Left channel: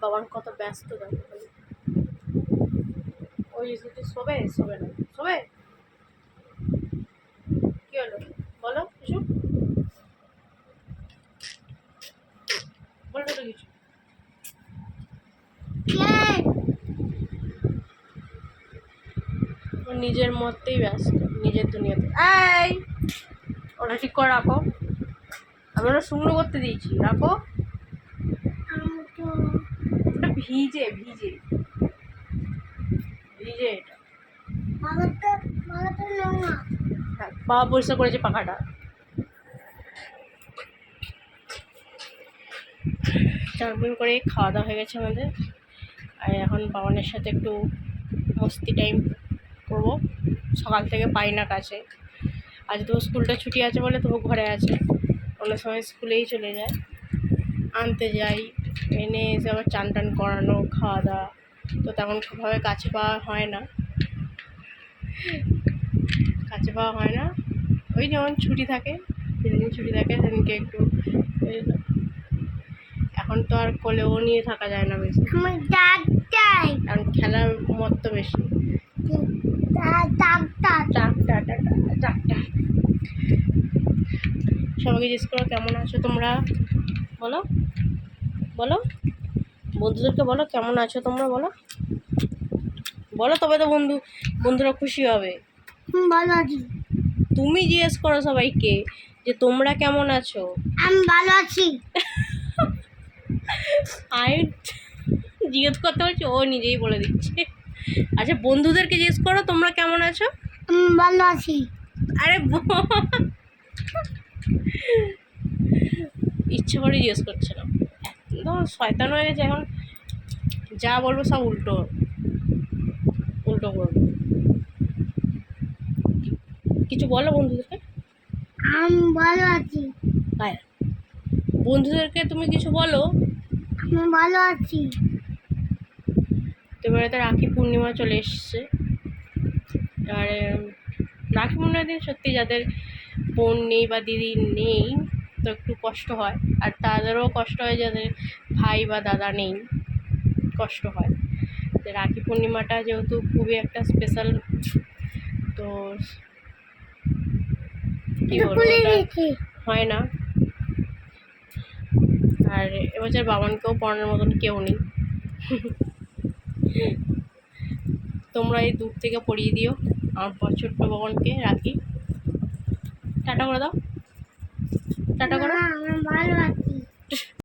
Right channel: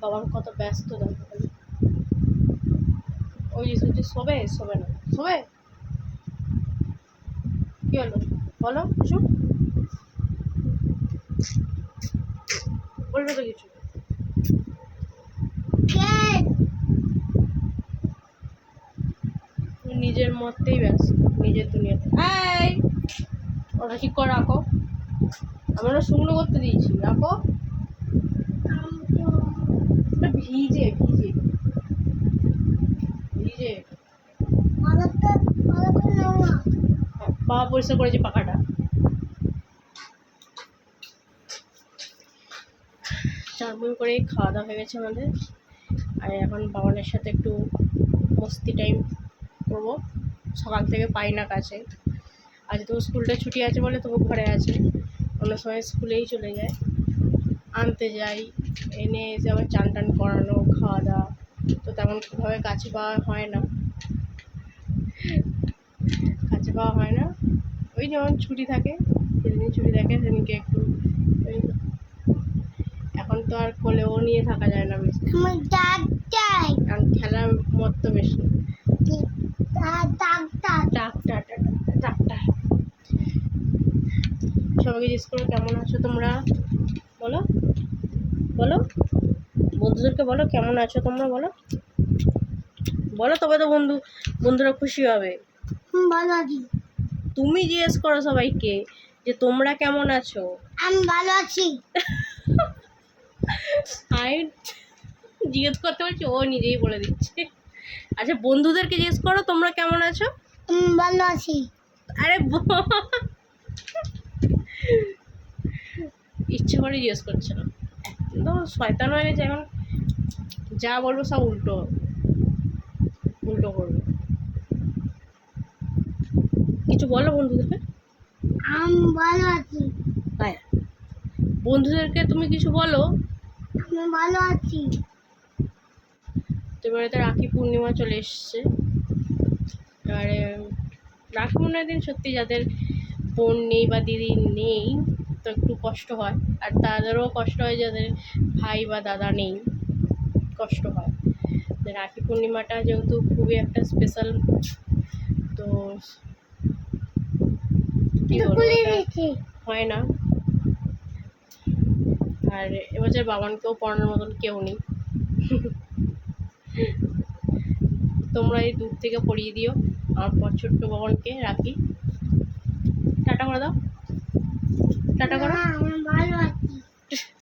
বাবার কত ব্যস্ত দেখো খালি। ওই যে শোবে শোবে না শোবে। কি হলো বলো কিছু, বলবে তো কিছু। ও নিজের মতেই ব্যস্ত, নিজের দুনিয়াতে। এই ওটা ঠিক করে রাখো, আমি ওটা শুকনো করতে দিয়েছি, রাখো। ওটা ভিজে ভিজে ভিজে এটা। হ্যাঁ বাবা পরিষ্কার করেছে পাখাটা। চারমিন করে খাওয়া দাওয়া হয়ে গেছে আমাদের, আর এখন বাবানের সাথে একটু মস্তি টাইম করবো। সকাল থেকে পাই না কাছে, আজ তো স্কুলটা ছুটি আছে বলে তবু ঘরে আছে, অন্য সময় স্কুলেই চলে যায়। আনতে যাই, এনে এসে আবার চান টান করানো, খাওয়া দাওয়া, তো তেমনভাবে কাছে পাওয়া হয় না, কাছে পাওয়া হয় না। ওই যেমন ছুটি থাকে, যেদিন ছুটি থাকে সেদিনকে একটু। এখন তো আর কোলেও নিয়ে থাকা যায় না বেশি, কারণ খেলার মত তো বেশি। সবাইকে জিজ্ঞেস করো কেমন আছো তোমরা, বলো বলো, বন্ধুদেরকে বলো কেমন আছো তোমরা, বলো বলো, তবে তো বন্ধুরা খুশি হবে। ভালো আছি। তুমি জিজ্ঞেস করো সবাইকে যে তোমরা কেমন আছো। আমি ভালো আছি। আমি জিজ্ঞেস করতে বলছি, ও নিজেই বলে দিচ্ছে। আচ্ছা বন্ধুদেরকে জিজ্ঞেস করো তোমরা কেমন আছো। আমি ভালো আছি। আরে ইচ্ছে করে জিজ্ঞেস করছে না, একদম শয়তান হয়ে গেছে এখন, যা বলবো সব উল্টো উল্টো করবো। কিছু বলো বন্ধুদেরকে। আমি ভালো আছি। বন্ধুদেরকে তুমি কিছু বলো। আমি ভালো আছি। তো এবারে তো রাখি পূর্ণিমা চলে এসছে, এবারে রাখি পূর্ণিমার দিন সত্যি যাদের বোন নেই বা দিদি নেই তো একটু কষ্ট হয়, আর তাদেরও কষ্ট হয় যাদের ভাই বা দাদা নেই, কষ্ট হয়। তো রাখি পূর্ণিমাটা যেহেতু খুবই একটা স্পেশাল, তো কী বলবো, ওটা হয় না। আর এবছর বাবানকেও পড়ানোর মতন কেউ নেই। তোমরা এই দূর থেকে পড়িয়ে দিও আমার ছোট্ট বাবানকে রাখি। টাটা করে দাও, টাটা করো। আমি ভালো আছি।